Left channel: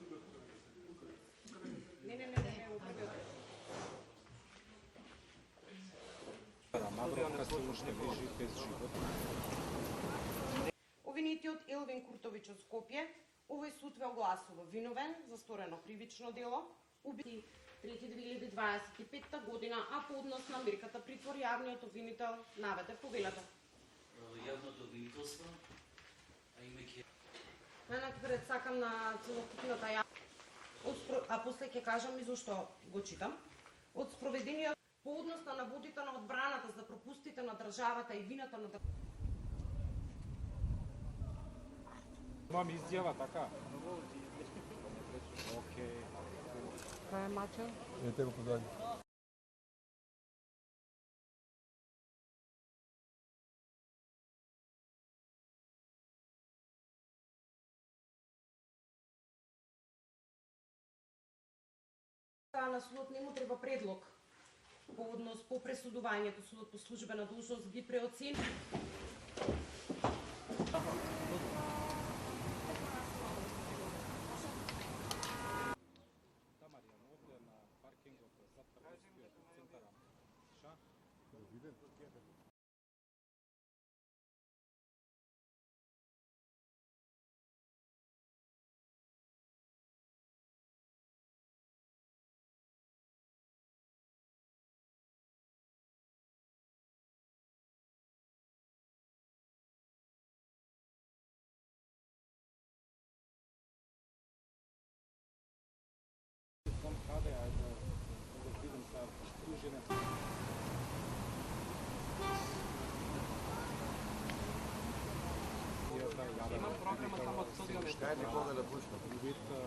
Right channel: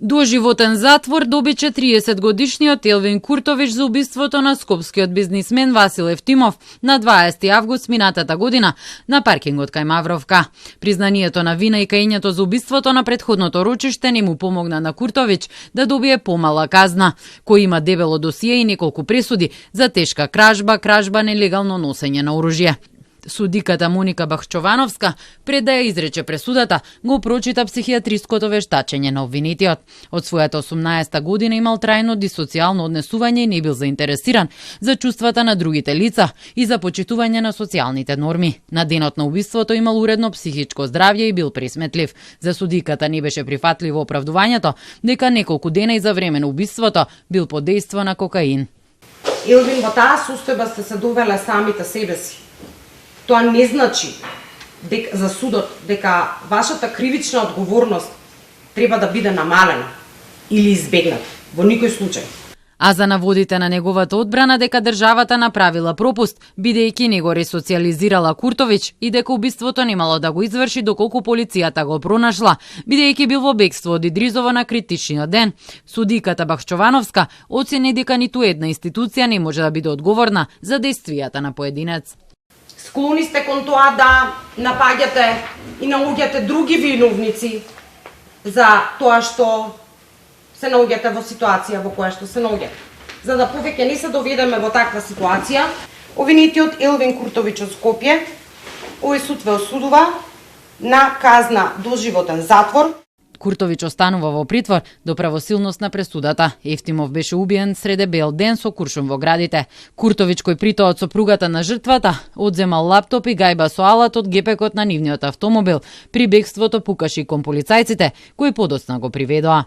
Доживотен затвор доби 40-годишниот Елвин Куртович за убиството на скопскиот бизнисмен Васил Евтимов на 20 август минатата година на паркингот кај Мавровка. Признанието на вина и каењето за убиството на претходното рочиште не му помогна на Куртович да добие помала казна, кој има дебело досие и неколку пресуди за тешка кражба, нелегално носење на оружје. Судиката Моника Бахчовановска, пред да ја изрече пресудата, го прочита психијатриското вештачење на обвинетиот. Од својата 18-та година имал трајно дисоцијално однесување и не бил заинтересиран за чувствата на другите лица и за почитување на социјалните норми. На денот на убиството имал уредно психичко здравје и бил присметлив. За судиката не беше прифатливо оправдувањето дека неколку дена и за време на убиството бил под дејство на кокаин. Елвин, во таа состојба сте се довеле самите себе си. Тоа не значи за судот дека вашата кривична одговорност треба да биде намалена или избегната во никој случај. А за наводите на неговата одбрана дека државата направила пропуст, бидејќи не го ресоциализирала Куртович и дека убиството немало да го изврши доколку полицијата го пронашла, бидејќи бил во бегство од Идризово на критичниот ден, судиката Бахчовановска оцени дека ниту една институција не може да биде одговорна за дејствијата на поединец. Склони сте кон тоа да напаѓате и наоѓате други виновници за тоа што се наоѓате во ситуација во која што се наоѓате. За да повеќе не се доведеме во таква ситуација, обвинетиот Елвин Куртович од Скопје, овој суд ве осудува на казна доживотен затвор. Куртович останува во притвор до правосилност на пресудата. Евтимов беше убиен среде бел ден со куршум во градите. Куртович, кој притоа од сопругата на жртвата, одземал лаптоп и гајба со алат од гепекот на нивниот автомобил. При бегството пукаше и кон полицајците, кои подоцна го приведоа.